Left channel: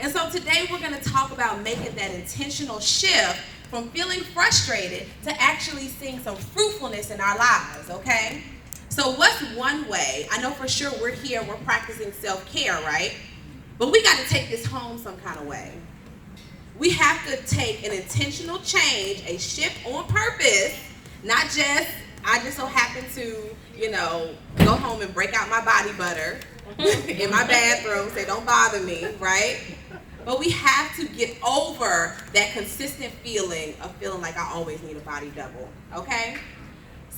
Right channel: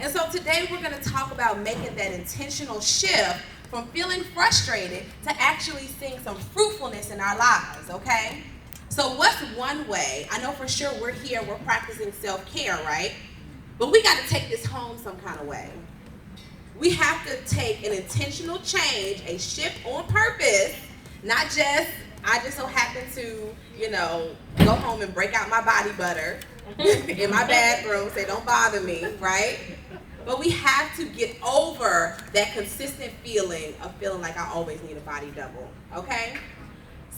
And so today we're going to talk about making that intentional shift from feeling frustrated to actually seeing some fruitfulness in our lives, okay? So what's one way? I know for sure we're here, we're practicing self-care, right? But we got to take this home some kind of way. We have to take an intentional change, a shift on purpose, not just, I just so happen to, go home and break out my body butter in my bathroom, say don't bother me, right? But we have to get over that consistent feeling of feeling like I always need a body double, okay?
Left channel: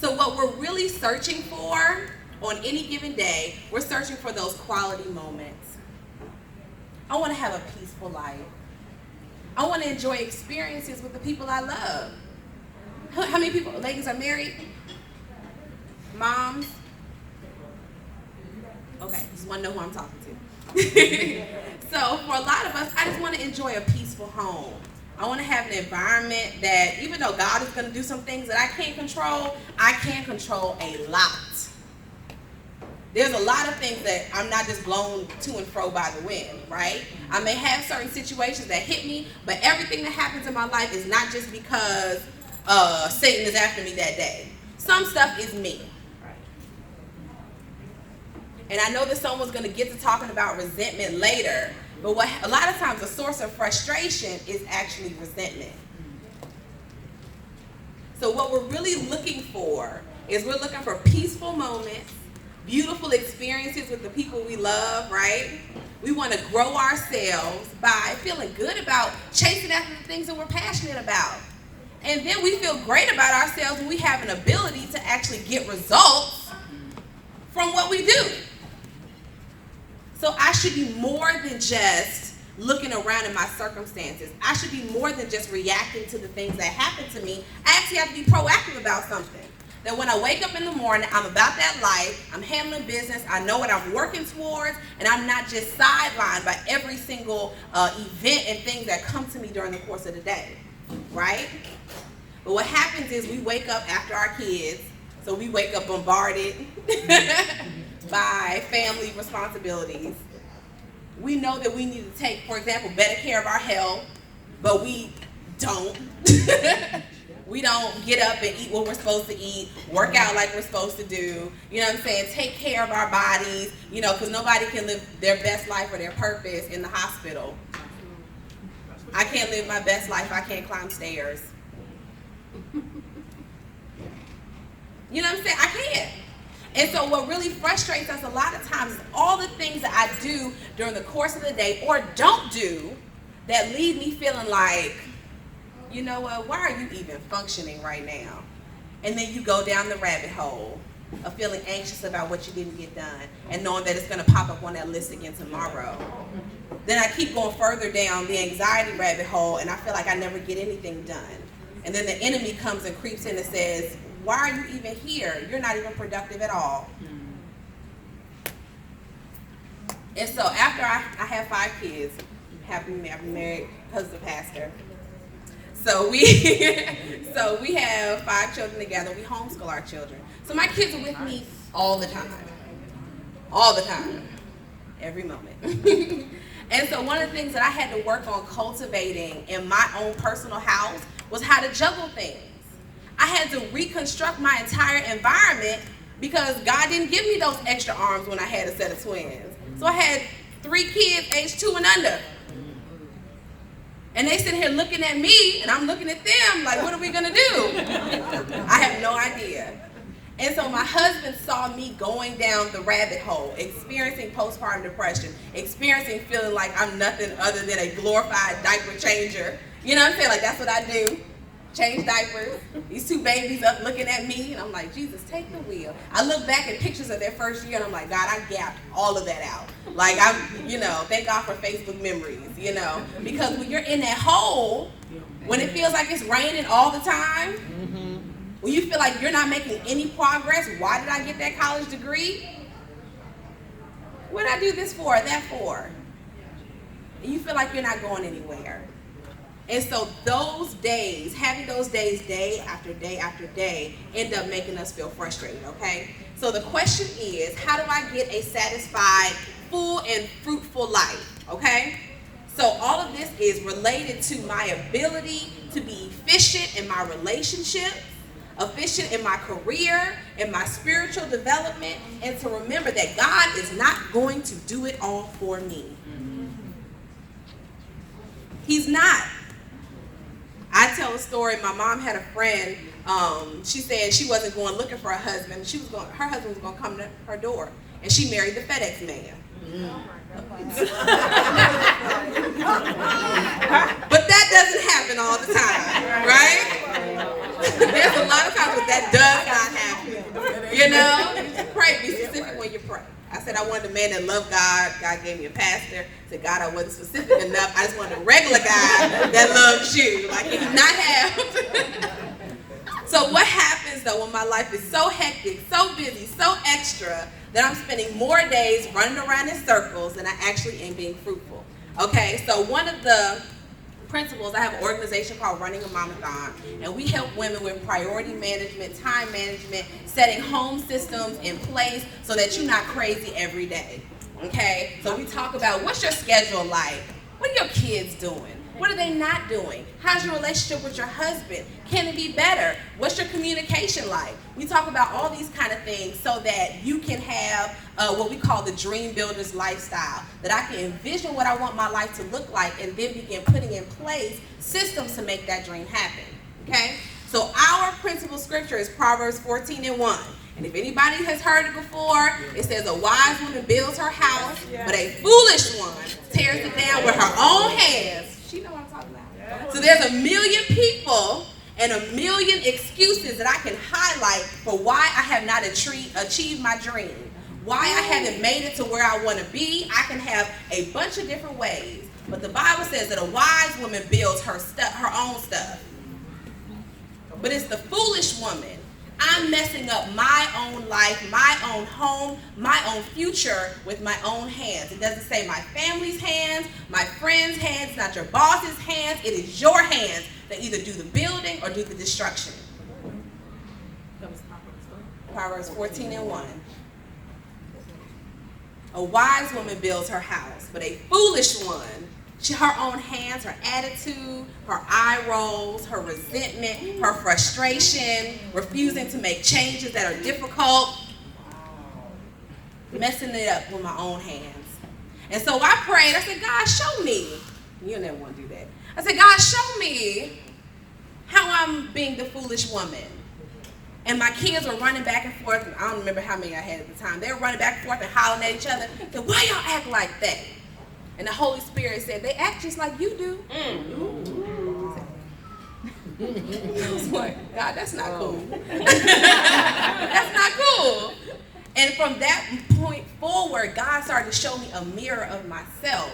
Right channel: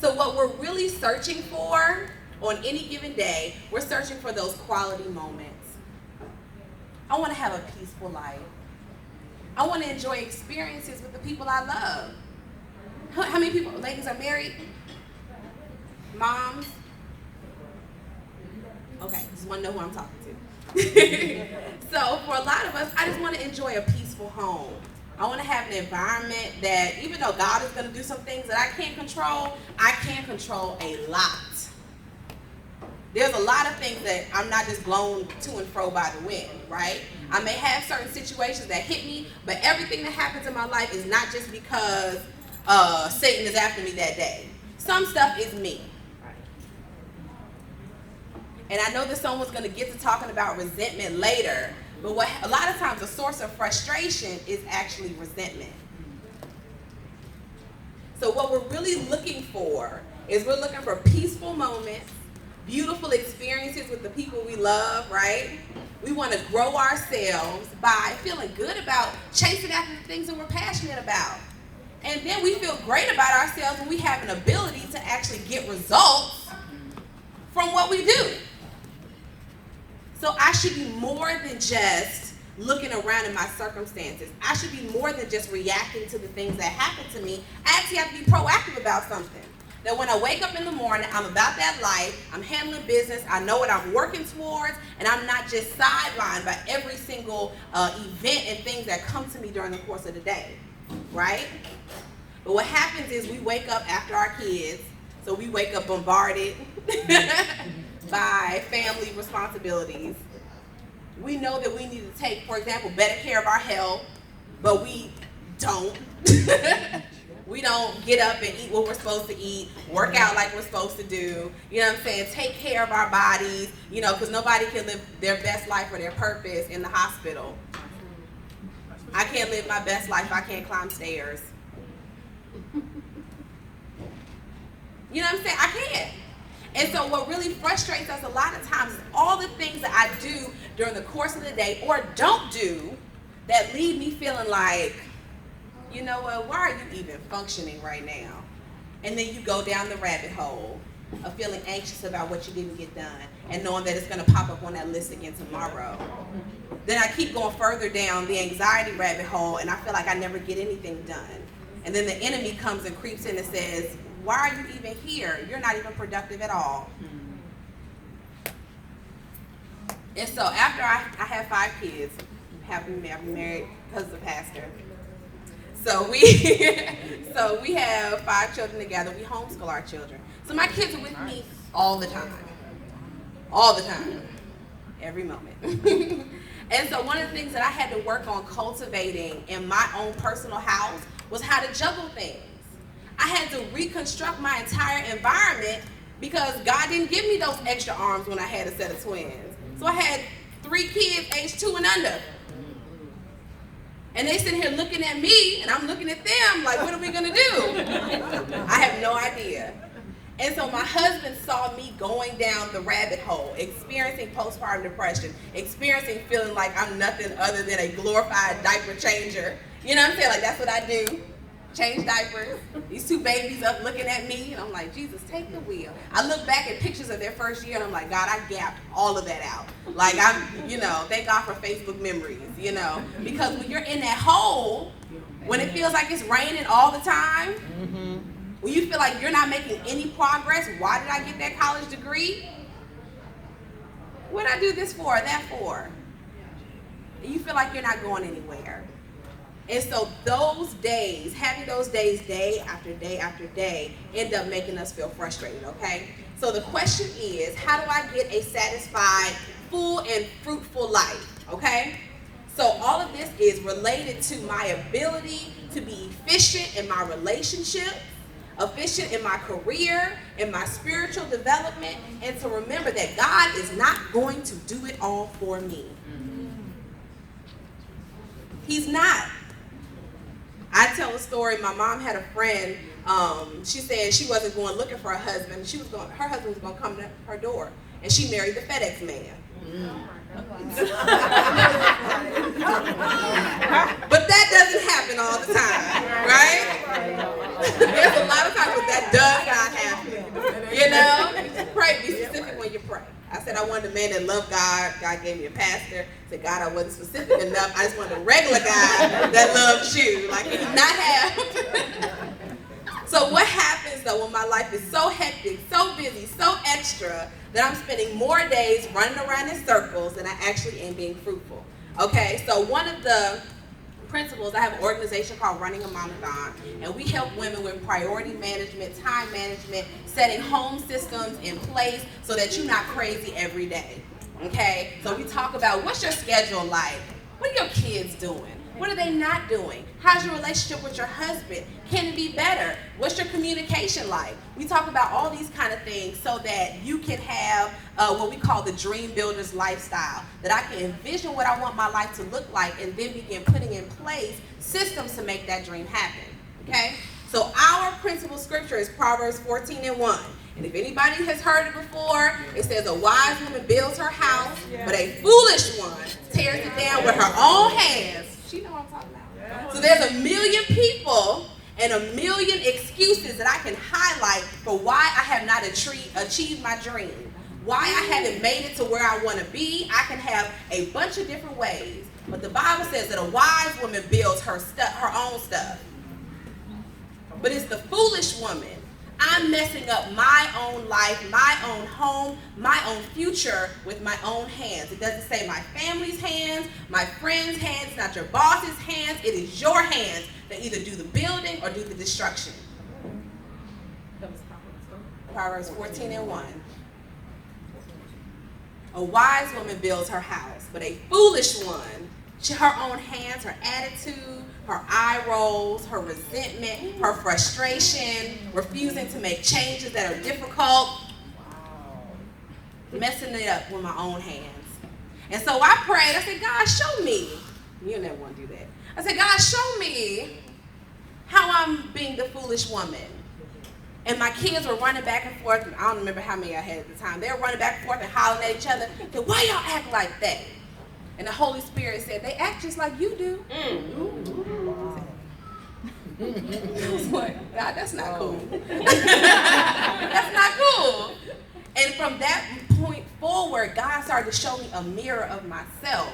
So what we're really searching for on any given day, we're searching for those quality moments. I want to have a peaceful life. I want to enjoy experiences with the people I love. How many people, ladies, are married? Moms? Okay, just want to know who I'm talking to. So for a lot of us, I just want to enjoy a peaceful home. I want to have an environment that, even though God is going to do some things that I can't control, I can control a lot. There's a lot of things that I'm not just blown to and fro by the wind, right? I may have certain situations that hit me, but everything that happens in my life is not just because Satan is after me that day. Some stuff is me. And I know that someone's going to get to talking about resentment later, but what a lot of times a source of frustration is actually resentment. So what we're really looking for is we're looking for peaceful moments, beautiful experiences with the people we love, right? We want to grow ourselves by feeling good about chasing after the things that we're passionate about. And then we feel great about ourselves when we have an ability to actually get results from what we do. So I should be more than just looking around at my circumstances. I should be more than just reacting to the things that happen to me. I actually have to be proactive about something. That when I wake up in the morning, I'm about that life, I'm handling business, I know what I'm working towards, and I'm not just sidelined by every single event and things that come to me during the course of the day, right? But what happens is we wake up after our kids, so we wake up bombarded by family responsibilities. We know that we need to take, for example, better care of our health, but we don't. We don't get up and eat what we're supposed to eat, work out like we're supposed to do, you know what I'm saying, take care of our bodies, because nobody can live their best life or their purpose in the hospital. I can't live my best life, I can't climb stairs. You know what I'm saying? I can't. And so what really frustrates us a lot of times is all the things that I do during the course of the day or don't do that leave me feeling like, you know what, why are you even functioning right now? And then you go down the rabbit hole of feeling anxious about what you didn't get done and knowing that it's going to pop up on that list again tomorrow. Then I keep going further down the anxiety rabbit hole and I feel like I never get anything done. And then the enemy comes and creeps in and says, why are you even here? You're not even productive at all. And so after I have 5 kids, happy married because of the pastor. So we have 5 children together. We homeschool our children. So my kids are with me all the time. All the time. Every moment. And so one of the things that I had to work on cultivating in my own personal house was how to juggle things. I had to reconstruct my entire environment because God didn't give me those extra arms when I had a set of twins. So I had 3 kids aged 2 and under. And they sitting here looking at me, and I'm looking at them like, what are we gonna do? I have no idea. And so my husband saw me going down the rabbit hole, experiencing postpartum depression, experiencing feeling like I'm nothing other than a glorified diaper changer. You know what I'm saying? Like, that's what I do. Change diapers. These 2 babies up looking at me, and I'm like, Jesus, take the wheel. I look back at pictures of their first year, and I'm like, God, I gapped all of that out. Like, thank God for Facebook memories, because when you're in that hole, when it feels like it's raining all the time, when you feel like you're not making any progress, why did I get that college degree? What did I do this for, that for? And you feel like you're not going anywhere. And so those days, having those days day after day after day, end up making us feel frustrated, okay? So the question is, how do I get a satisfied, full, and fruitful life, okay? So is related to my ability to be efficient in my relationships, efficient in my career, in my spiritual development, and to remember that God is not going to do it all for me. He's not. I tell a story. My mom had a friend. She said she wasn't going looking for a husband. Her husband was going to come to her door, and she married the FedEx man. But that doesn't happen all the time, right? There's a lot of times when that does not happen. You know, pray. Be specific when you pray. I said I wanted a man that loved God. God gave me a pastor. I said, God, I wasn't specific enough. I just wanted a regular guy that loves you. Like, he did not have. So what happens, though, when my life is so hectic, so busy, so extra, that I'm spending more days running around in circles than I actually am being fruitful? Okay, so one of the principles, I have an organization called Running a Mamathon, and we help women with priority management, time management, setting home systems in place so that you're not crazy every day. Okay, so we talk about what's your schedule like? What are your kids doing? What are they not doing? How's your relationship with your husband? Can it be better? What's your communication like? We talk about all these kind of things so that you can have what we call the dream builder's lifestyle, that I can envision what I want my life to look like and then begin putting in place systems to make that dream happen. Okay? So our principal scripture is Proverbs 14:1. And if anybody has heard it before, it says a wise woman builds her house, but a foolish one tears it down with her own hands. She know what I'm talking about. So there's a million people and a million excuses that I can highlight for why I have not achieved my dream, why I haven't made it to where I want to be. I can have a bunch of different ways, but the Bible says that a wise woman builds her own stuff. But it's the foolish woman. I'm messing up my own life, my own home, my own future with my own hands. It doesn't say my family's hands, my friend's hands, not your boss's hands. It is your hands that either do the building or do the destruction. Proverbs 14:1. A wise woman builds her house, but a foolish one, her own hands, her attitude, her eye rolls, her resentment, her frustration, refusing to make changes that are difficult, messing it up with my own hands. And so I prayed. I said, God, show me. You never want to do that. I said, God, show me how I'm being the foolish woman. And my kids were running back and forth. And I don't remember how many I had at the time. They were running back and forth and hollering at each other. I said, why y'all act like that? And the Holy Spirit said, they act just like you do. I was like, God, that's not cool. That's not cool. And from that point forward, God started to show me a mirror of myself.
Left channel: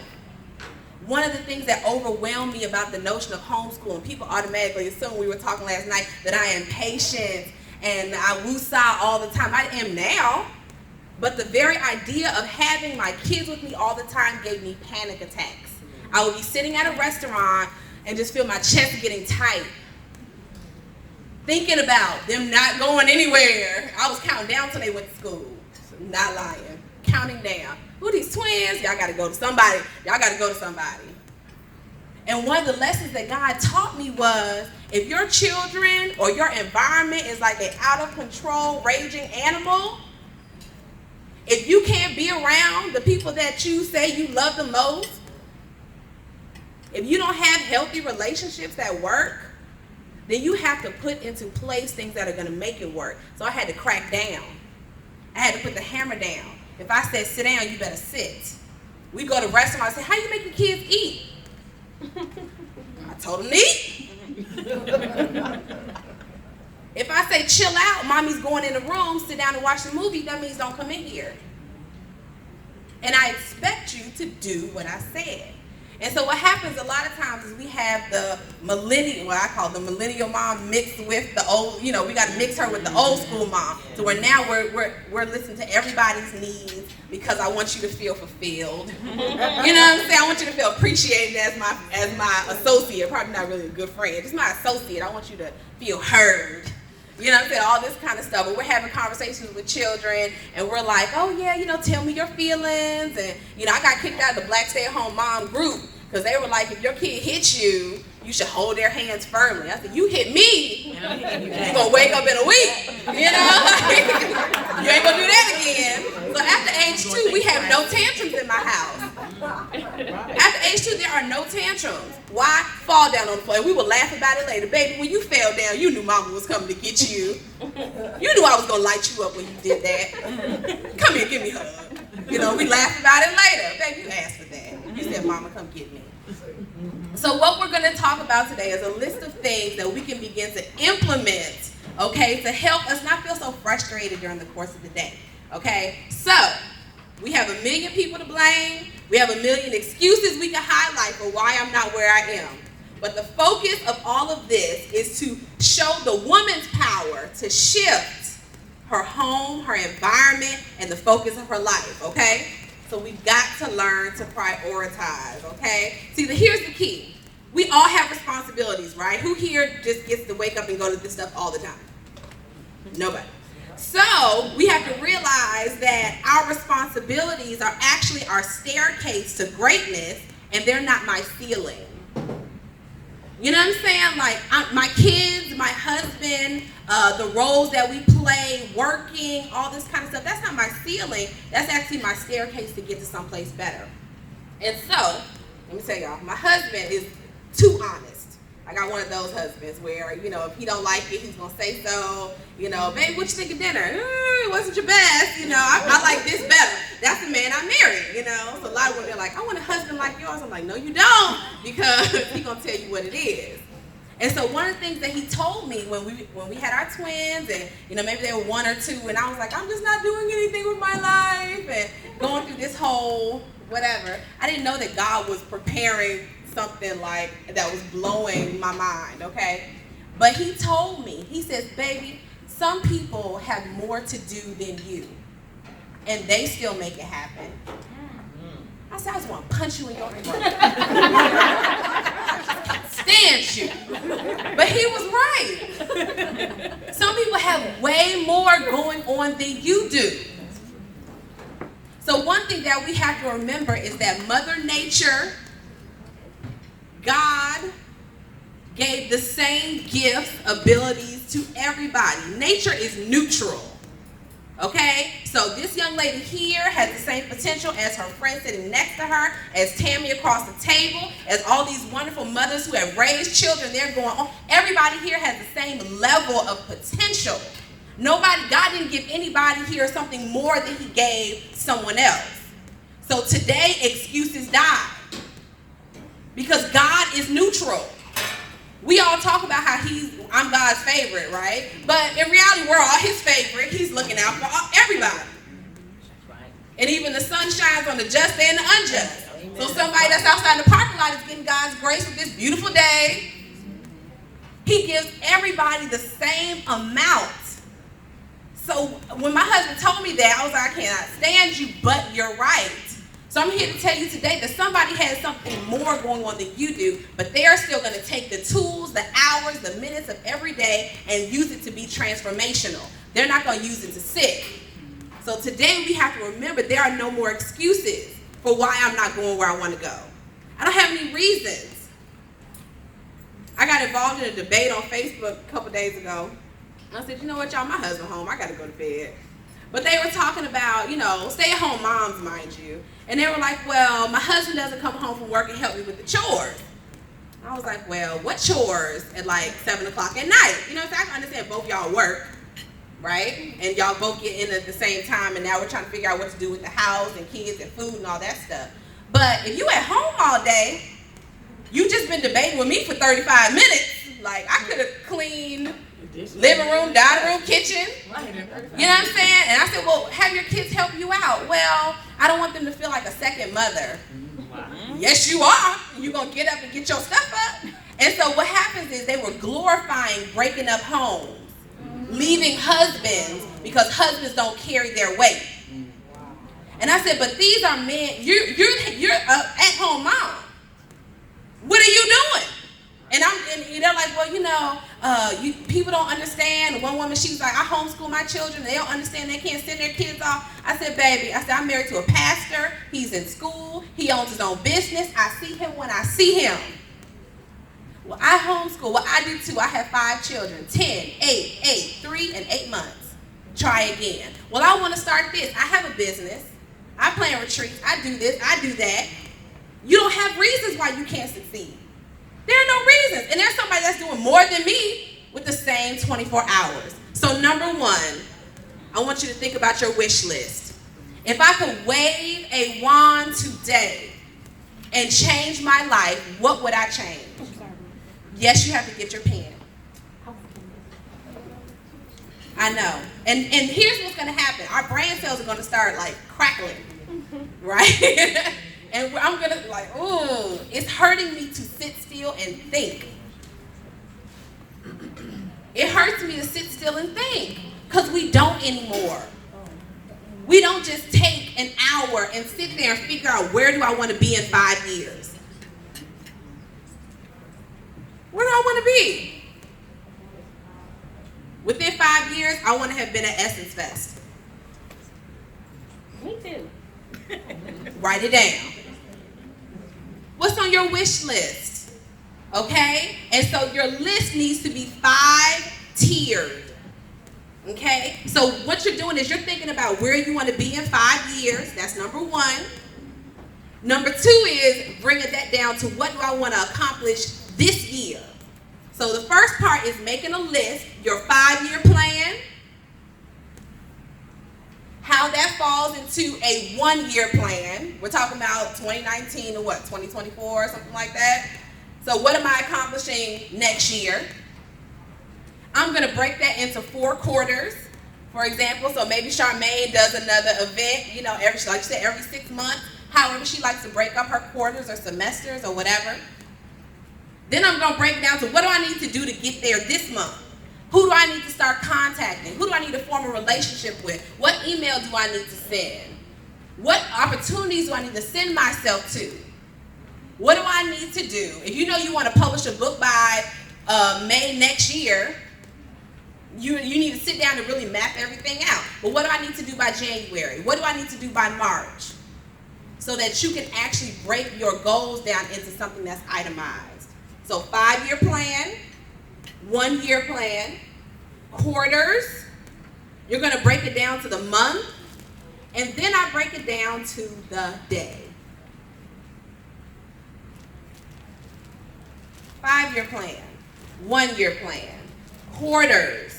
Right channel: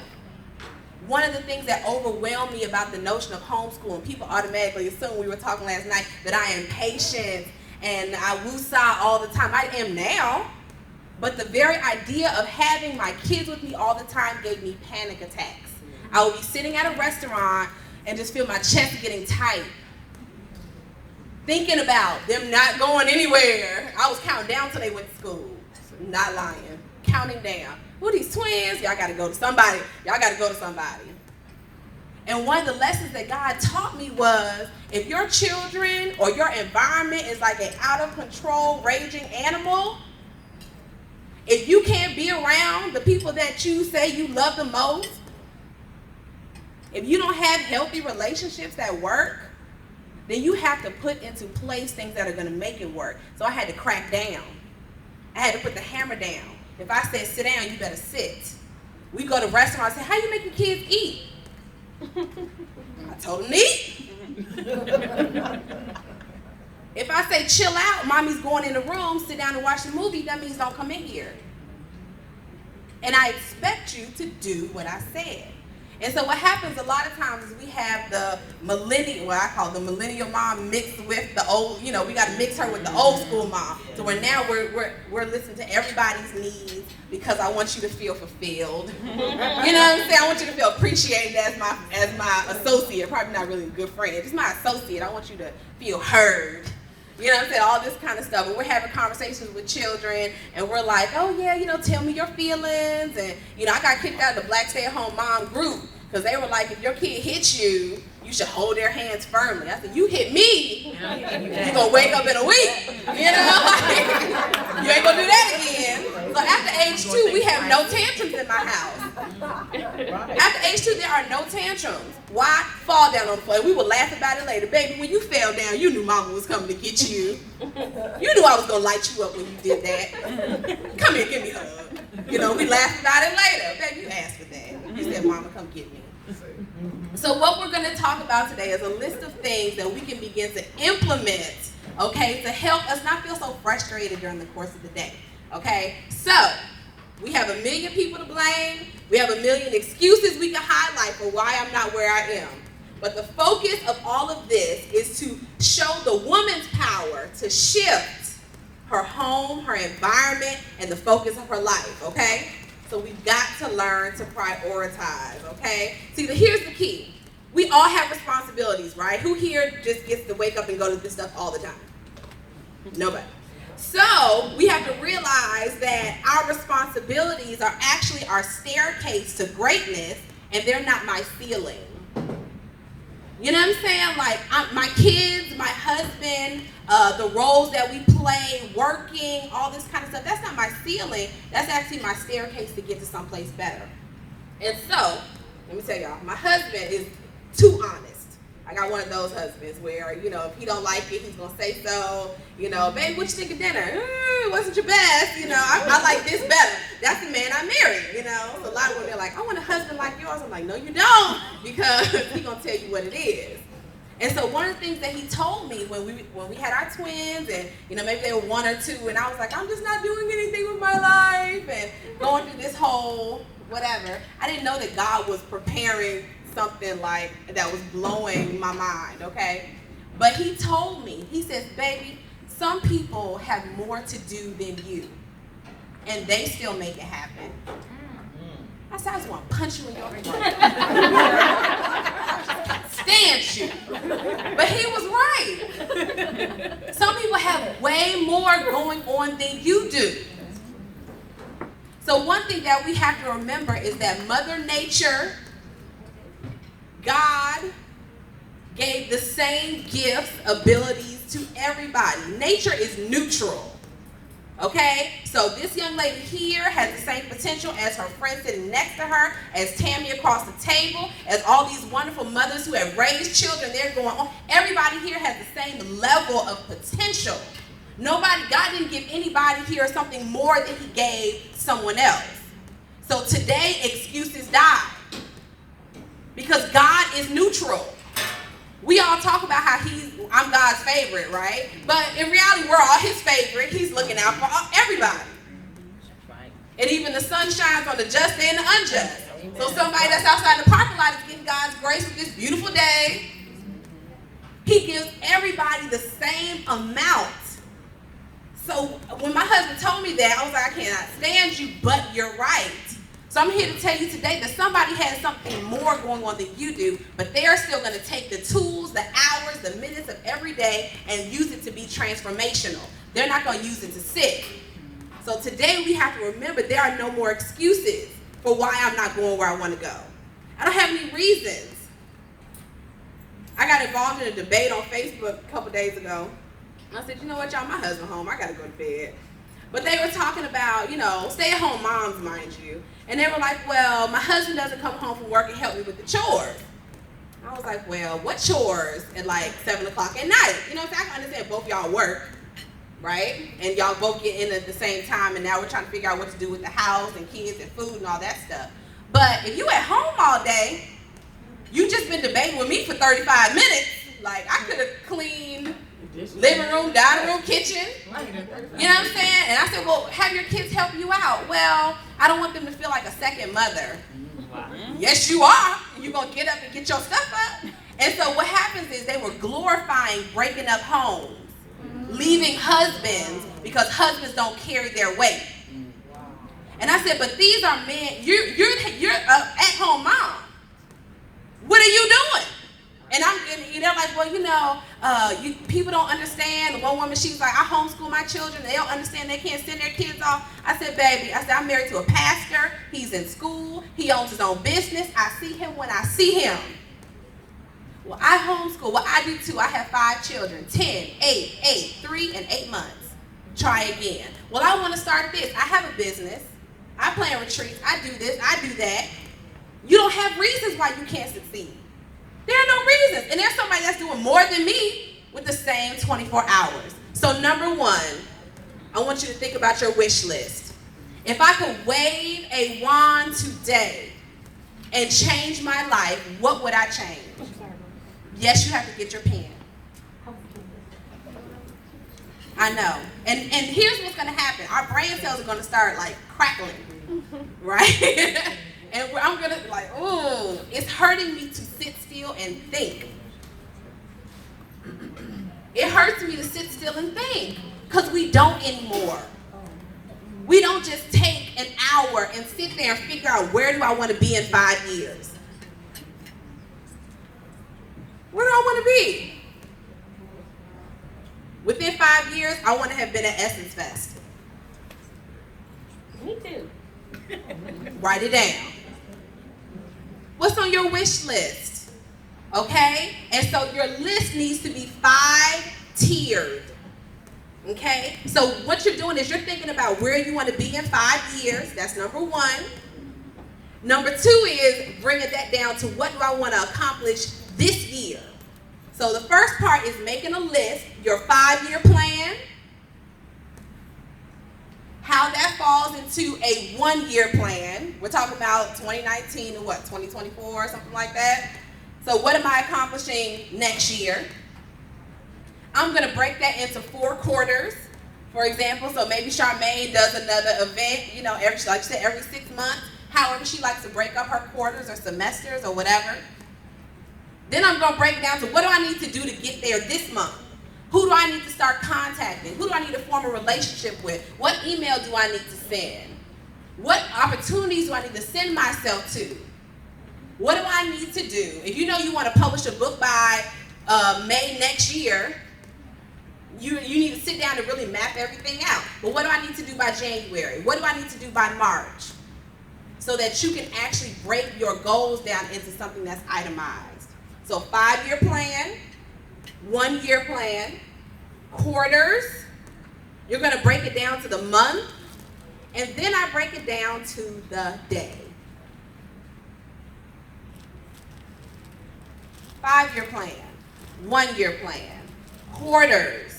One of the things that overwhelmed me about the notion of homeschooling, people automatically assume, we were talking last night, that I am patient and I woosah all the time. I am now. But the very idea of having my kids with me all the time gave me panic attacks. I would be sitting at a restaurant and just feel my chest getting tight, thinking about them not going anywhere. I was counting down till they went to school. Not lying. Counting down. Who are these twins? Y'all got to go to somebody. Y'all got to go to somebody. And one of the lessons that God taught me was, if your children or your environment is like an out of control, raging animal, if you can't be around the people that you say you love the most, if you don't have healthy relationships at work, then you have to put into place things that are going to make it work. So I had to crack down. I had to put the hammer down. If I said sit down, you better sit. We go to restaurants, I say, how you make your kids eat? I told them to eat. If I say chill out, mommy's going in the room, sit down and watch the movie, that means don't come in here. And I expect you to do what I said. And so what happens a lot of times is we have the millennial, what I call the millennial mom mixed with the old, we got to mix her with the old school mom. So we're listening to everybody's needs because I want you to feel fulfilled. You know what I'm saying? I want you to feel appreciated as my associate, probably not really a good friend, just my associate. I want you to feel heard. You know what I'm saying? All this kind of stuff. And we're having conversations with children, and we're like, oh, yeah, tell me your feelings. And, I got kicked out of the Black Stay-at-Home Mom group Because they were like, if your kid hits you, you should hold their hands firmly. I said, you hit me, you're going to wake up in a week. You know? You ain't going to do that again. So after age 2, we have no tantrums in my house. After age 2, there are no tantrums. Why? Fall down on the floor. We will laugh about it later. Baby, when you fell down, you knew mama was coming to get you. You knew I was going to light you up when you did that. Come here, give me a hug. You know, we laugh about it later. Baby, you asked for that. You said, mama, come get me. So what we're going to talk about today is a list of things that we can begin to implement, okay, to help us not feel so frustrated during the course of the day, okay? So we have 1 million people to blame. We have 1 million excuses we can highlight for why I'm not where I am. But the focus of all of this is to show the woman's power to shift her home, her environment, and the focus of her life, okay? So we've got to learn to prioritize, okay? See, here's the key. We all have responsibilities, right? Who here just gets to wake up and go to this stuff all the time? Nobody. So we have to realize that our responsibilities are actually our staircase to greatness, and they're not my ceiling. You know what I'm saying? Like, my kids, my husband, the roles that we play, working, all this kind of stuff, that's not my ceiling. That's actually my staircase to get to someplace better. And so, let me tell y'all, my husband is too honest. I got one of those husbands where, you know, if he don't like it, he's going to say so. You know, babe, what you think of dinner? It wasn't your best. You know, I like this better. That's the man I married, you know. So a lot of women are like, I want a husband like yours. I'm like, no, you don't, because he's going to tell you what it is. And so one of the things that he told me when we had our twins, and, you know, maybe they were 1 or 2, and I was like, I'm just not doing anything with my life, and going through this whole whatever, I didn't know that God was preparing something like that was blowing my mind, okay? But he told me, he says, baby, some people have more to do than you, and they still make it happen. I said, I just want to punch you in your throat. Stand you. But he was right. Some people have way more going on than you do. So one thing that we have to remember is that Mother Nature, God, gave the same gifts, abilities to everybody. Nature is neutral. Okay, so this young lady here has the same potential as her friend sitting next to her, as Tammy across the table, as all these wonderful mothers who have raised children. They're going on. Everybody here has the same level of potential. God didn't give anybody here something more than he gave someone else. So today, excuses die. Because God is neutral. We all talk about how I'm God's favorite, right? But in reality, we're all his favorite. He's looking out for everybody. And even the sun shines on the just and the unjust. So somebody that's outside the parking lot is getting God's grace with this beautiful day. He gives everybody the same amount. So when my husband told me that, I was like, I cannot stand you, but you're right. So I'm here to tell you today that somebody has something more going on than you do, but they're still going to take the tools, the hours, the minutes of every day and use it to be transformational. They're not going to use it to sit. So today we have to remember there are no more excuses for why I'm not going where I want to go. I don't have any reasons. I got involved in a debate on Facebook a couple days ago. I said, you know what, y'all, my husband home, I got to go to bed. But they were talking about, you know, stay-at-home moms, mind you. And they were like, well, my husband doesn't come home from work and help me with the chores. I was like, well, what chores at like 7 o'clock at night? You know, so I can understand both y'all work, right? And y'all both get in at the same time, and now we're trying to figure out what to do with the house and kids and food and all that stuff. But if you at home all day, you just been debating with me for 35 minutes. Like, I could have cleaned living room, dining room, kitchen. You know what I'm saying? And I said, well, have your kids help you out. Well, I don't want them to feel like a second mother. Yes, you are. You're going to get up and get your stuff up. And so what happens is they were glorifying breaking up homes, leaving husbands because husbands don't carry their weight. And I said, but these are men. You're at-home mom. What are you doing? And they're like, well, people don't understand. One woman, she was like, I homeschool my children. They don't understand. They can't send their kids off. I said, baby, I'm married to a pastor. He's in school. He owns his own business. I see him when I see him. Well, I homeschool. Well, I do too. I have 5 children, 10, 8, 3, and 8 months. Try again. Well, I want to start this. I have a business. I plan retreats. I do this. I do that. You don't have reasons why you can't succeed. There are no reasons. And there's somebody that's doing more than me with the same 24 hours. So number 1, I want you to think about your wish list. If I could wave a wand today and change my life, what would I change? Yes, you have to get your pen. I know. And here's what's going to happen. Our brain cells are going to start like crackling, right? And I'm going to like, ooh, it's hurting me to sit still and think. It hurts me to sit still and think because we don't anymore. We don't just take an hour and sit there and figure out where do I want to be in 5 years. Where do I want to be? Within 5 years, I want to have been at Essence Fest. Me too. Write it down. What's on your wish list? Okay? And so your list needs to be 5 tiered. Okay? So what you're doing is you're thinking about where you want to be in 5 years. That's number 1. Number 2 is bringing that down to what do I want to accomplish this year. So the first part is making a list, your 5-year plan, how that falls into a 1-year plan. We're talking about 2019 or 2024 or something like that. So what am I accomplishing next year? I'm going to break that into 4 quarters, for example. So maybe Charmaine does another event, like you said, every 6 months. However she likes to break up her quarters or semesters or whatever. Then I'm going to break it down to what do I need to do to get there this month? Who do I need to start contacting? Who do I need to form a relationship with? What email do I need to send? What opportunities do I need to send myself to? What do I need to do? If you know you want to publish a book by May next year, you need to sit down and really map everything out. But what do I need to do by January? What do I need to do by March? So that you can actually break your goals down into something that's itemized. So 5-year plan, 1-year plan, quarters, you're going to break it down to the month, and then I break it down to the day. 5-year plan, 1-year plan, quarters,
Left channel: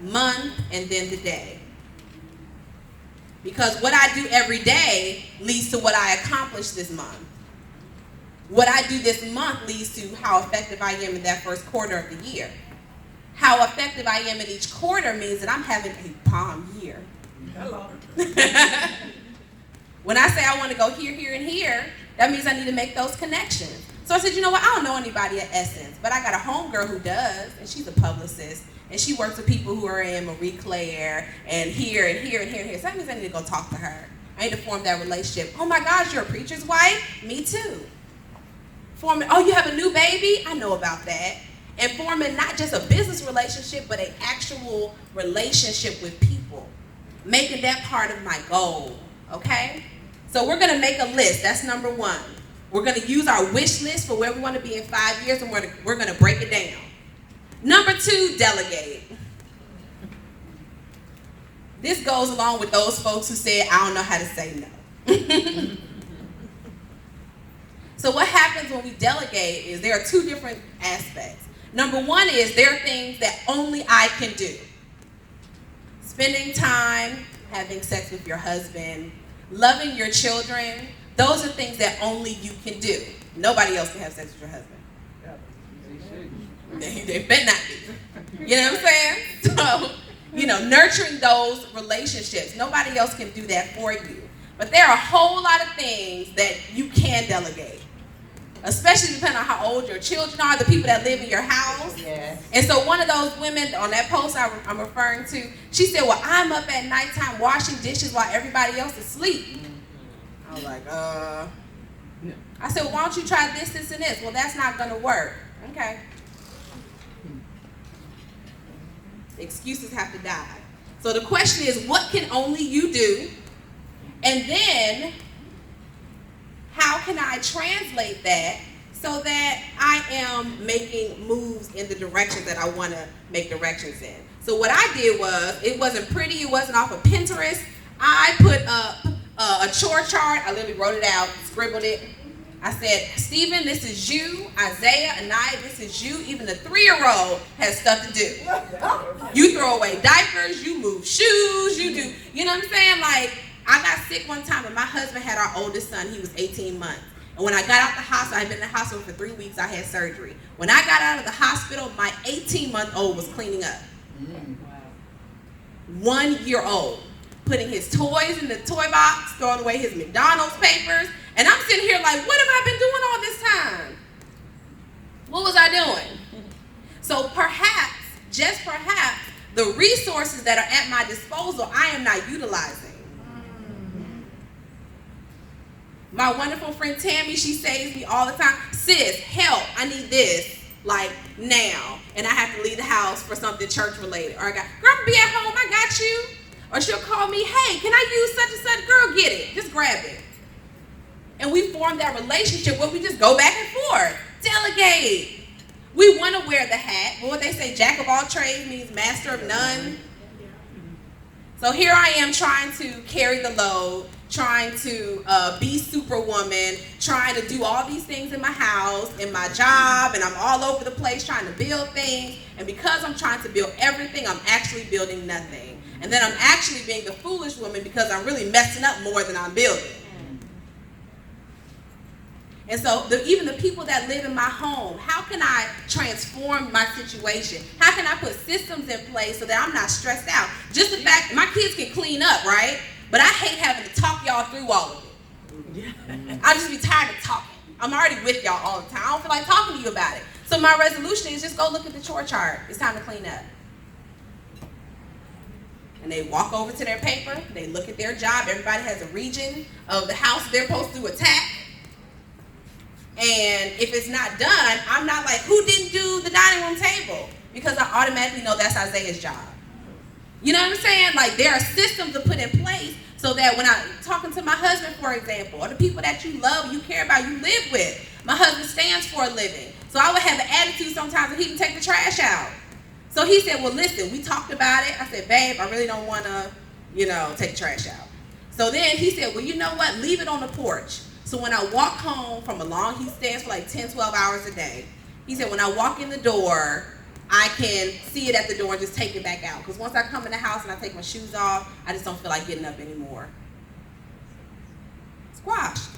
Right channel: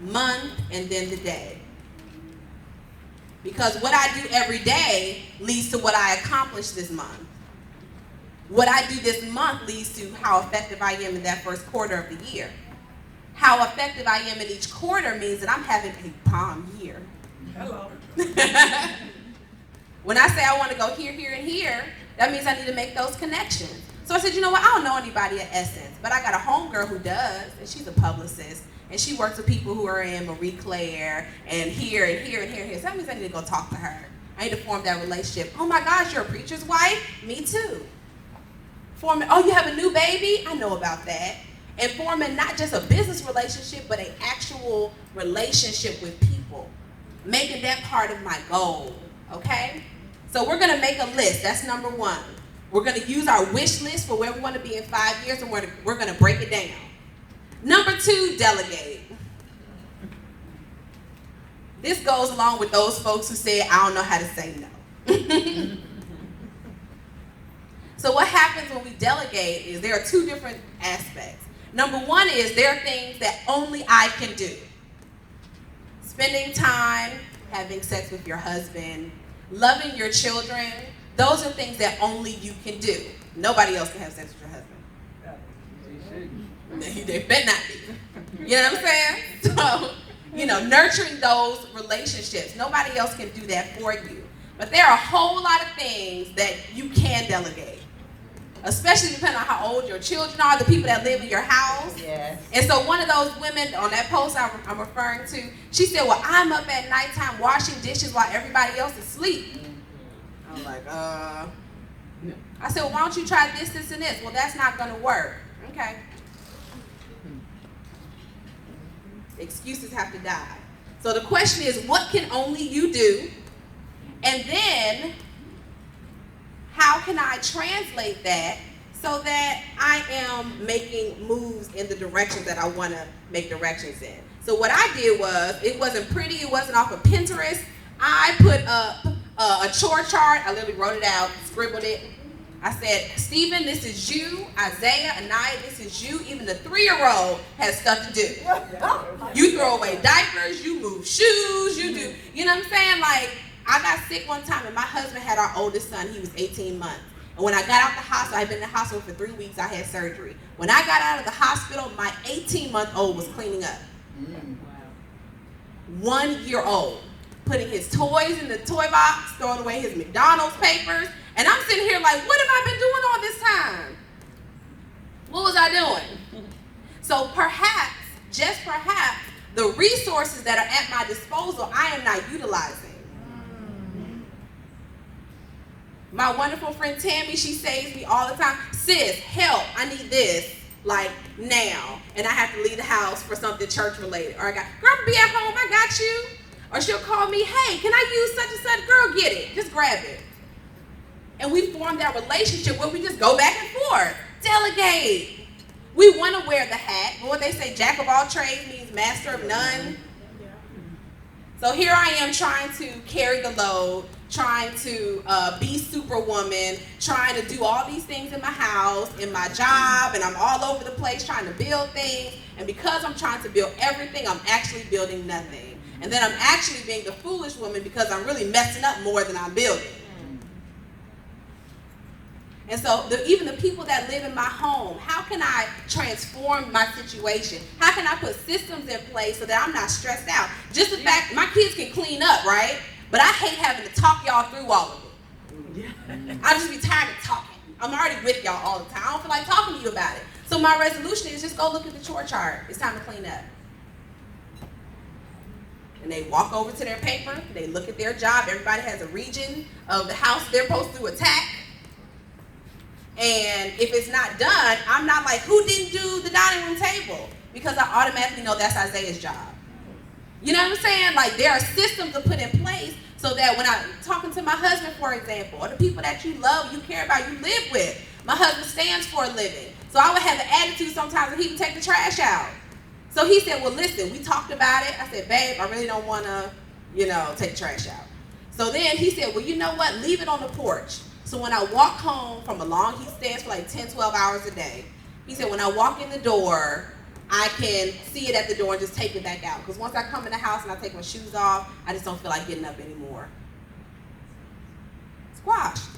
month, and then the day. Because what I do every day leads to what I accomplish this month. What I do this month leads to how effective I am in that first quarter of the year. How effective I am in each quarter means that I'm having a palm year. Hello. When I say I want to go here, here, and here, that means I need to make those connections. So I said, you know what, I don't know anybody at Essence, but I got a homegirl who does, and she's a publicist, and she works with people who are in Marie Claire, and here, and here, and here, and here. So that means I need to go talk to her. I need to form that relationship. Oh my gosh, you're a preacher's wife? Me too. Forming, oh, you have a new baby? I know about that. And forming not just a business relationship, but an actual relationship with people. Making that part of my goal, okay? So we're gonna make a list, that's number 1. We're gonna use our wish list for where we wanna be in 5 years, and we're gonna break it down. Number 2, delegate. This goes along with those folks who said, I don't know how to say no. So what happens when we delegate is there are 2 different aspects. Number 1 is there are things that only I can do. Spending time, having sex with your husband, loving your children, those are things that only you can do. Nobody else can have sex with your husband. They better not be. You know what I'm saying? So, nurturing those relationships. Nobody else can do that for you. But there are a whole lot of things that you can delegate. Especially depending on how old your children are, the people that live in your house. Yes. And so one of those women on that post I'm referring to, she said, well, I'm up at nighttime washing dishes while everybody else is asleep. I was like, I said, well, why don't you try this, this, and this? Well, that's not going to work. Okay. Excuses have to die. So the question is, what can only you do? And then, how can I translate that so that I am making moves in the direction that I want to make directions in? So what I did was, it wasn't pretty, it wasn't off of Pinterest. I put up a chore chart. I literally wrote it out, scribbled it. I said, Stephen, this is you. Isaiah, Anaya, this is you. Even the 3-year-old has stuff to do. You throw away diapers, you move shoes, you do, you know what I'm saying? Like, I got sick one time and my husband had our oldest son. He was 18 months. And when I got out the hospital, I had been in the hospital for 3 weeks. I had surgery. When I got out of the hospital, my 18-month-old was cleaning up. 1-year-old, putting his toys in the toy box, throwing away his McDonald's papers. And I'm sitting here like, what have I been doing all this time? What was I doing? So perhaps, just perhaps, the resources that are at my disposal, I am not utilizing. My wonderful friend Tammy, she saves me all the time. Sis, help, I need this, like now. And I have to leave the house for something church related. Or I got, girl, be at home, I got you. Or she'll call me, hey, can I use such and such? Girl, get it, just grab it. And we form that relationship where we just go back and forth. Delegate. We want to wear the hat, but what they say, jack of all trades means master of none. So here I am trying to carry the load, trying to be superwoman, trying to do all these things in my house, in my job, and I'm all over the place trying to build things. And because I'm trying to build everything, I'm actually building nothing. And then I'm actually being the foolish woman because I'm really messing up more than I'm building. And so even the people that live in my home, how can I transform my situation? How can I put systems in place so that I'm not stressed out? Just the fact, my kids can clean up, right? But I hate having to talk y'all through all of it. I just be tired of talking. I'm already with y'all all the time. I don't feel like talking to you about it. So my resolution is just go look at the chore chart. It's time to clean up. And they walk over to their paper. They look at their job. Everybody has a region of the house they're supposed to attack. And if it's not done, I'm not like, who didn't do the dining room table? Because I automatically know that's Isaiah's job. You know what I'm saying? Like, there are systems to put in place so that when I'm talking to my husband, for example, or the people that you love, you care about, you live with. My husband stands for a living. So I would have an attitude sometimes that he would take the trash out. So he said, well, listen, we talked about it. I said, babe, I really don't want to, take the trash out. So then he said, well, you know what? Leave it on the porch. So when I walk home from he stays for like 10, 12 hours a day. He said, when I walk in the door, I can see it at the door and just take it back out. Because once I come in the house and I take my shoes off, I just don't feel like getting up anymore. Squashed.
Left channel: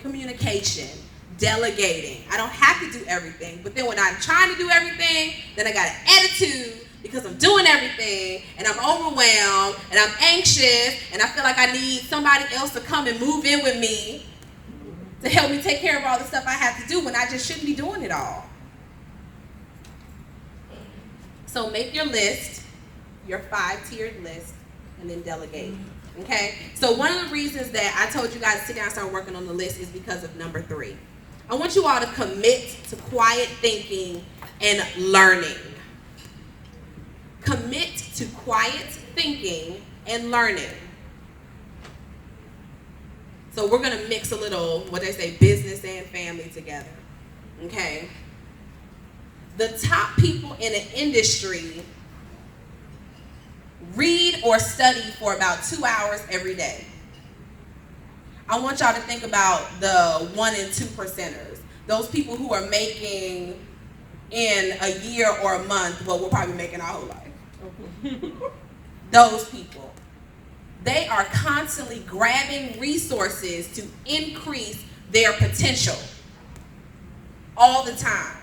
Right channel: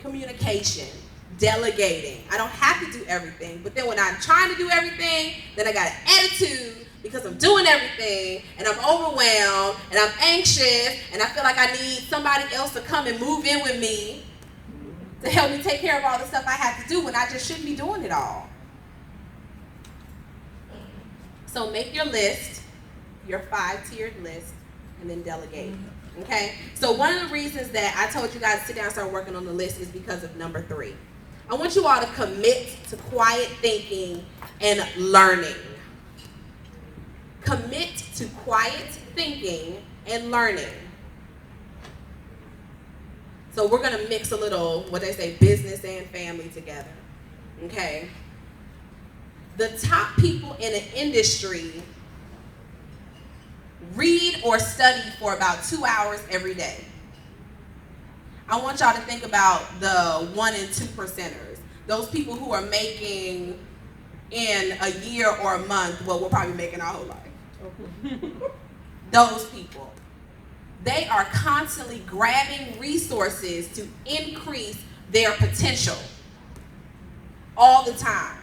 Communication. Delegating. I don't have to do everything. But then when I'm trying to do everything, then I got an attitude because I'm doing everything, and I'm overwhelmed, and I'm anxious, and I feel like I need somebody else to come and move in with me to help me take care of all the stuff I have to do when I just shouldn't be doing it all. So make your list, your 5-tiered list, and then delegate. Okay? So one of the reasons that I told you guys to sit down and start working on the list is because of number 3. I want you all to commit to quiet thinking and learning. Commit to quiet thinking and learning. So we're going to mix a little, what they say, business and family together. Okay? The top people in an industry read or study for about 2 hours every day. I want y'all to think about the 1 and 2 percenters. Those people who are making in a year or a month what we're probably making our whole life. Those people. They are constantly grabbing resources to increase their potential all the time.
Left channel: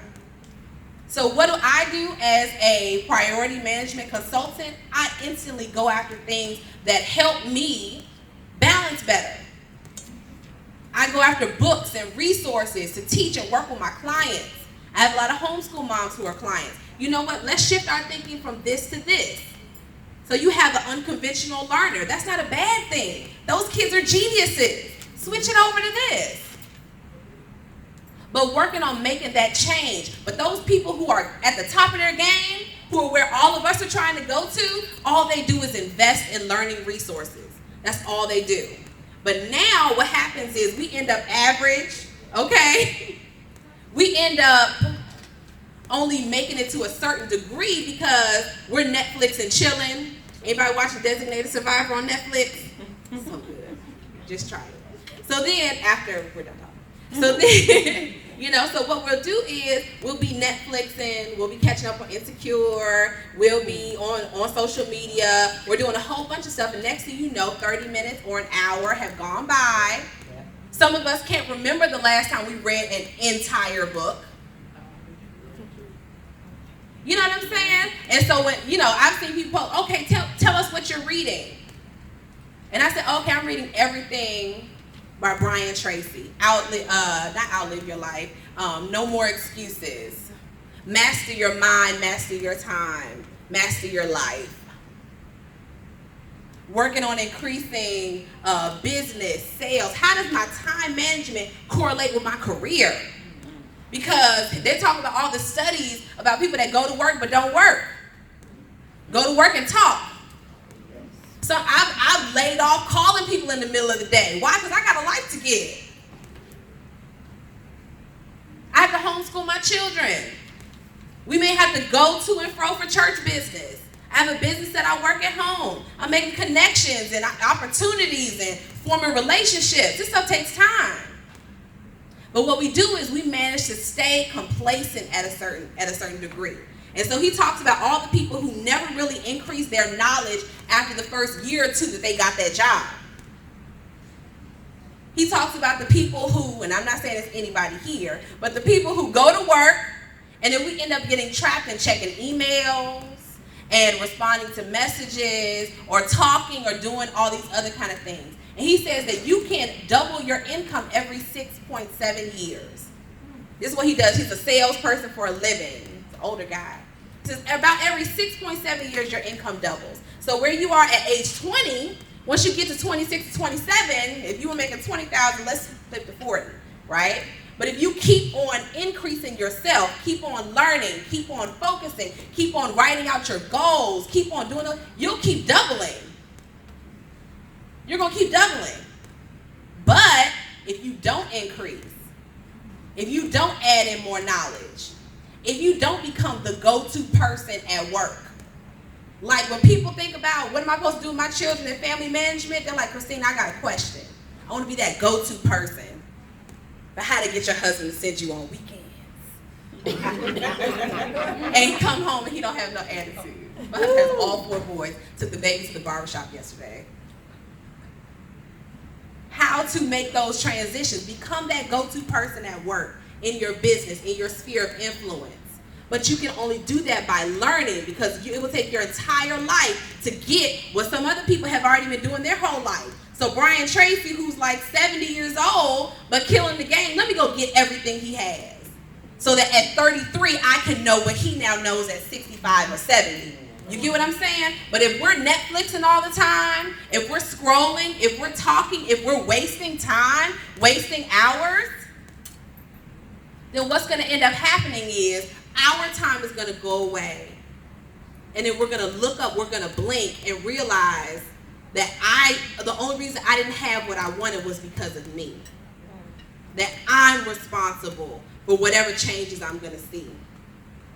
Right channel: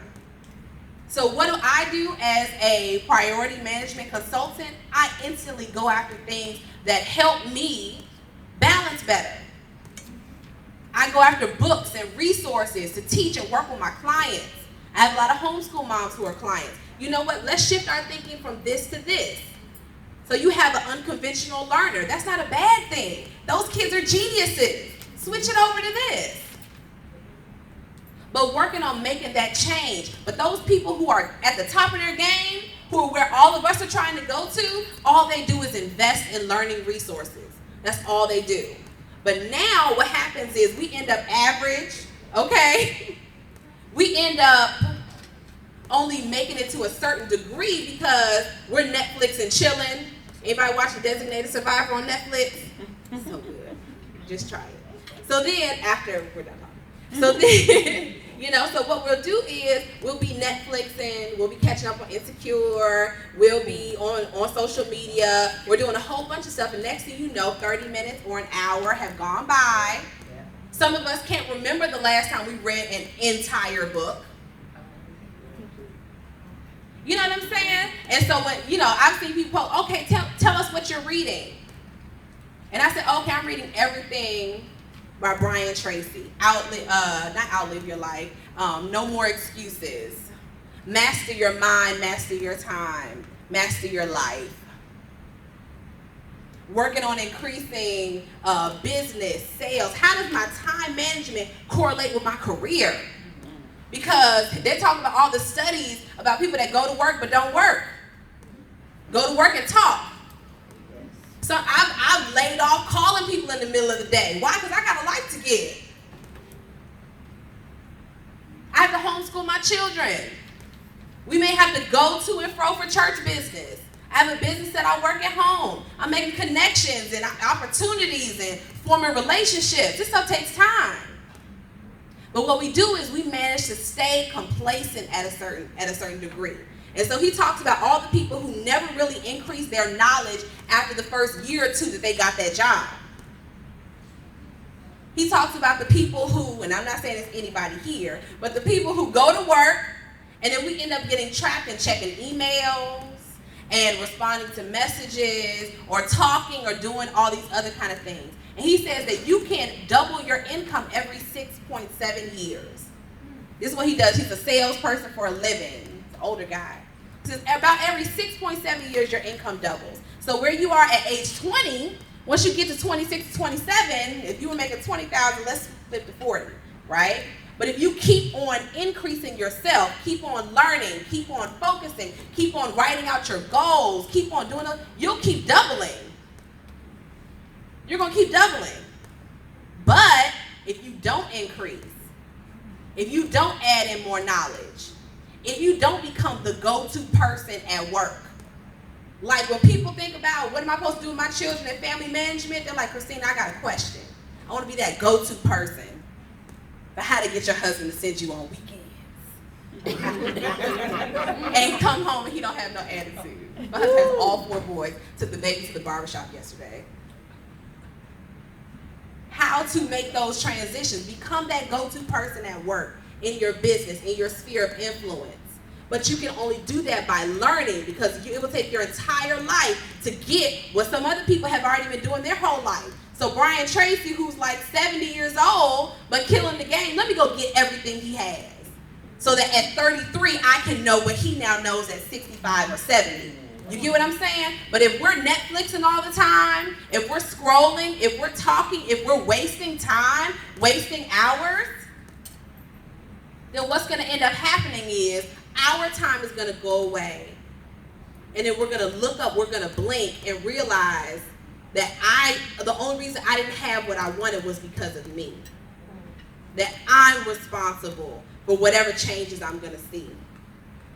So what do I do as a priority management consultant? I instantly go after things that help me balance better. I go after books and resources to teach and work with my clients. I have a lot of homeschool moms who are clients. You know what? Let's shift our thinking from this to this. So you have an unconventional learner. That's not a bad thing. Those kids are geniuses. Switch it over to this. but working on making that change. But those people who are at the top of their game, who are where all of us are trying to go to, all they do is invest in learning resources. That's all they do. But now what happens is we end up average, okay? We end up only making it to a certain degree because we're Netflix and chilling. Anybody watching Designated Survivor on Netflix? So good. Just try it. So then, after we're done talking. So then, so what we'll do is we'll be Netflixing, we'll be catching up on Insecure, we'll be on social media, we're doing a whole bunch of stuff, and next thing you know, 30 minutes or an hour have gone by. Some of us can't remember the last time we read an entire book. You know what I'm saying? And so when, I've seen people, okay, tell us what you're reading. And I said, okay, I'm reading everything by Brian Tracy. Not Outlive Your Life. No More Excuses. Master Your Mind, Master Your Time, Master Your Life. Working on increasing business, sales. How does my time management correlate with my career? Because they're talking about all the studies about people that go to work but don't work. Go to work and talk. So I've laid off calling people in the middle of the day. Why? Because I got a life to give. I have to homeschool my children. We may have to go to and fro for church business. I have a business that I work at home. I'm making connections and opportunities and forming relationships. This stuff takes time. But what we do is we manage to stay complacent at a certain degree. And so he talks about all the people who never really increased their knowledge after the first year or two that they got that job. He talks about the people who, and I'm not saying it's anybody here, but the people who go to work and then we end up getting trapped in checking emails and responding to messages or talking or doing all these other kind of things. And he says that you can double your income every 6.7 years. This is what he does. He's a salesperson for a living. He's an older guy. He says about every 6.7 years, your income doubles. So where you are at age 20, once you get to 26, 27, if you were making $20,000, let's flip to 40, right? But if you keep on increasing yourself, keep on learning, keep on focusing, keep on writing out your goals, keep on doing it, you'll keep doubling. You're going to keep doubling. But if you don't increase, if you don't add in more knowledge, if you don't become the go-to person at work, like when people think about what am I supposed to do with my children and family management, they're like, Christina, I got a question. I want to be that go-to person for how to get your husband to send you on weekends. And he come home and he don't have no attitude. My husband has all 4 boys, took the baby to the barbershop yesterday. How to make those transitions. Become that go-to person at work, in your business, in your sphere of influence. But you can only do that by learning, because it will take your entire life to get what some other people have already been doing their whole life. So Brian Tracy, who's like 70 years old, but killing the game, let me go get everything he has. So that at 33, I can know what he now knows at 65 or 70. You get what I'm saying? But if we're Netflixing all the time, if we're scrolling, if we're talking, if we're wasting time, wasting hours, then what's going to end up happening is our time is going to go away. And then we're going to look up, we're going to blink and realize that the only reason I didn't have what I wanted was because of me. That I'm responsible for whatever changes I'm going to see.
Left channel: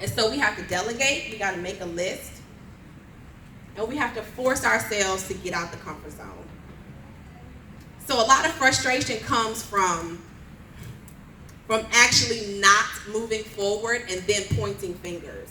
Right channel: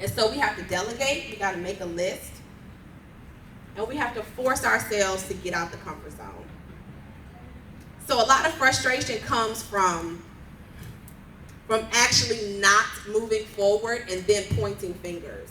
And so we have to delegate, we got to make a list, and we have to force ourselves to get out the comfort zone. So a lot of frustration comes from actually not moving forward and then pointing fingers.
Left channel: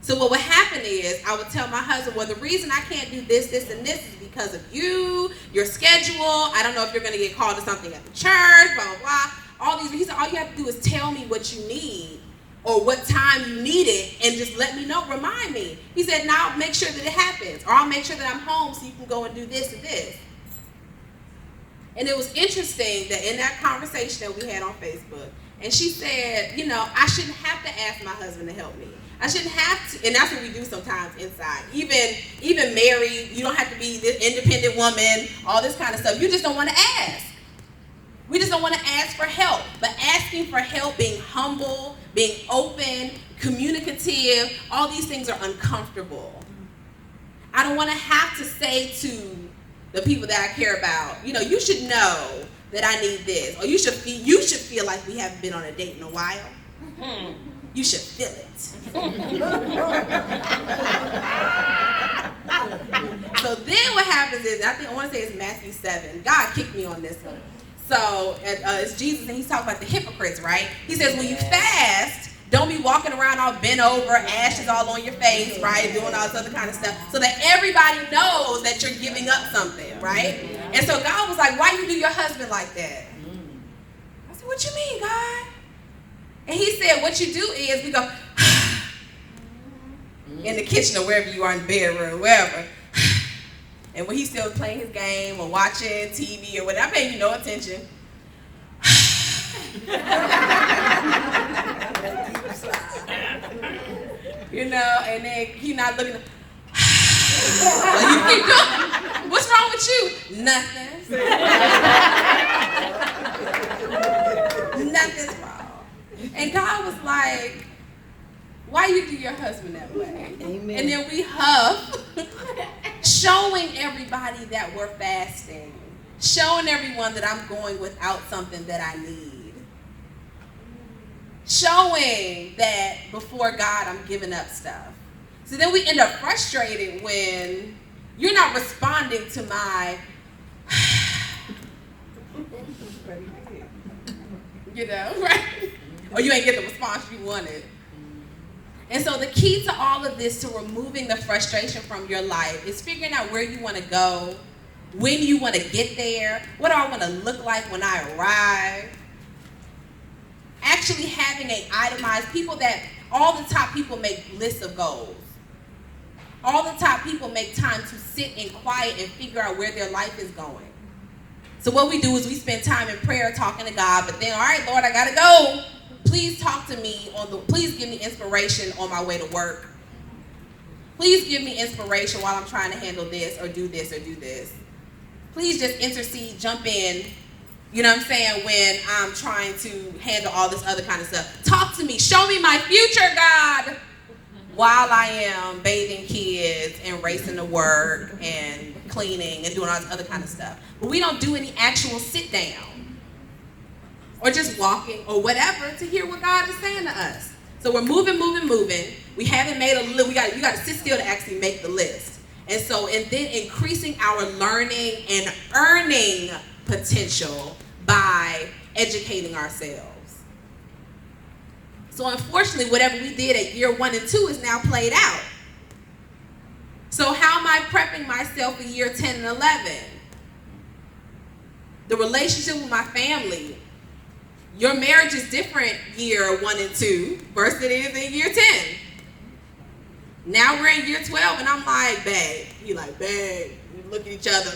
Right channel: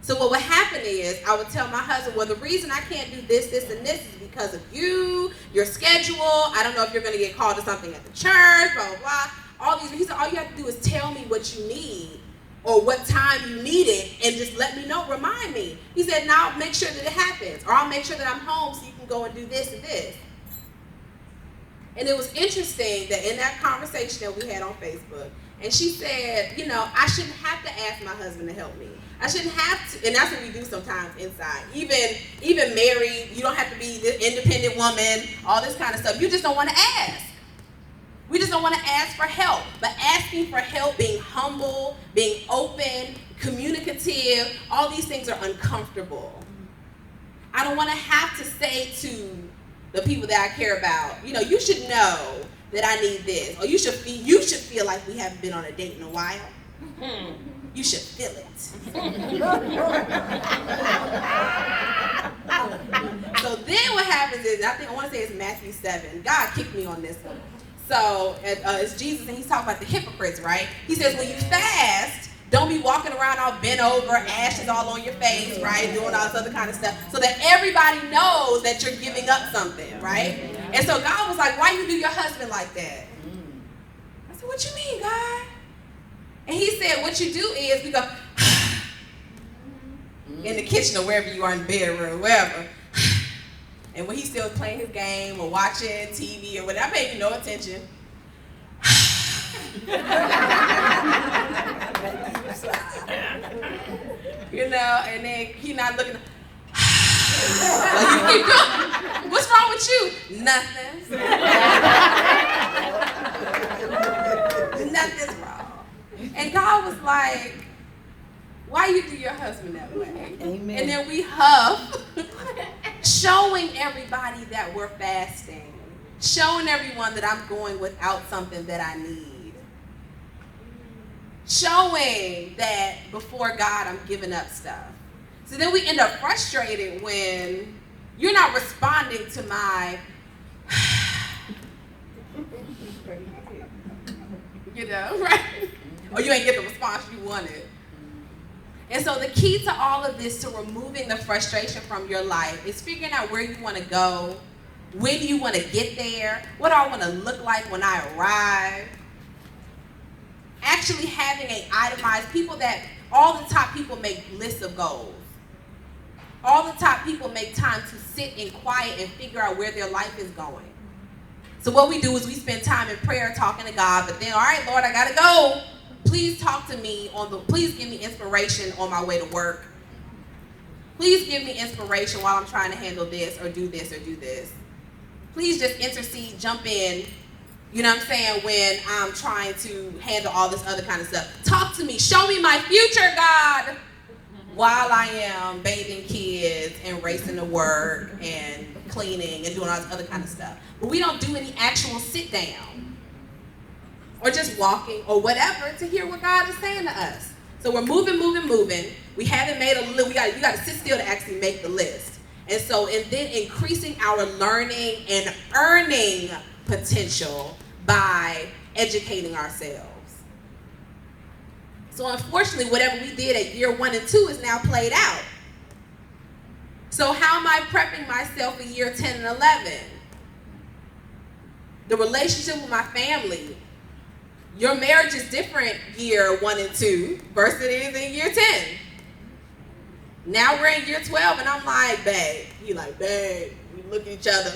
So what would happen is I would tell my husband, well, the reason I can't do this, this, and this is because of you, your schedule. I don't know if you're going to get called to something at the church, blah, blah, blah. He said, all you have to do is tell me what you need or what time you need it and just let me know, remind me. He said, now I'll make sure that it happens, or I'll make sure that I'm home so you can go and do this and this. And it was interesting that in that conversation that we had on Facebook, and she said, I shouldn't have to ask my husband to help me. I shouldn't have to, and that's what we do sometimes inside. Even married, you don't have to be this independent woman, all this kind of stuff. You just don't want to ask. We just don't want to ask for help. But ask asking for help, being humble, being open, communicative, all these things are uncomfortable. I don't want to have to say to the people that I care about, you should know that I need this, or you should feel like we haven't been on a date in a while. You should feel it. So then what happens is, I want to say it's Matthew 7. God kicked me on this one. So it's Jesus, and he's talking about the hypocrites, right? He says, when you fast, don't be walking around all bent over, ashes all on your face, right? Doing all this other kind of stuff, so that everybody knows that you're giving up something, right? And so God was like, why you do your husband like that? I said, what you mean, God? And he said, what you do is, we go, in the kitchen or wherever you are, in the bedroom, wherever. And when he's still playing his game or watching TV or whatever, I pay you no attention. And then he not looking. What's wrong with you? Nothing. Nothing's wrong. And God was like, why you do your husband that way? Amen. And then we huff, showing everybody that we're fasting, showing everyone that I'm going without something that I need, showing that before God I'm giving up stuff. So then we end up frustrated when you're not responding to my, right? Or you ain't get the response you wanted. And so the key to all of this, to removing the frustration from your life, is figuring out where you want to go, when you want to get there, what do I want to look like when I arrive. Actually having an itemized, all the top people make lists of goals. All the top people make time to sit in quiet and figure out where their life is going. So what we do is we spend time in prayer talking to God, but then, all right, Lord, I gotta go. Please talk to me please give me inspiration on my way to work. Please give me inspiration while I'm trying to handle this or do this or do this. Please just intercede, jump in, when I'm trying to handle all this other kind of stuff. Talk to me, show me my future, God, while I am bathing kids and racing to work and cleaning and doing all this other kind of stuff. But we don't do any actual sit down or just walking or whatever to hear what God is saying to us. So we're moving. We haven't made a list. You got to sit still to actually make the list. And then increasing our learning and earning potential by educating ourselves. So unfortunately, whatever we did at year 1 and 2 is now played out. So how am I prepping myself for year 10 and 11? The relationship with my family. Your marriage is different year 1 and 2 versus it is in year 10. Now we're in year 12 and I'm like, babe. You're like, babe. We look at each other.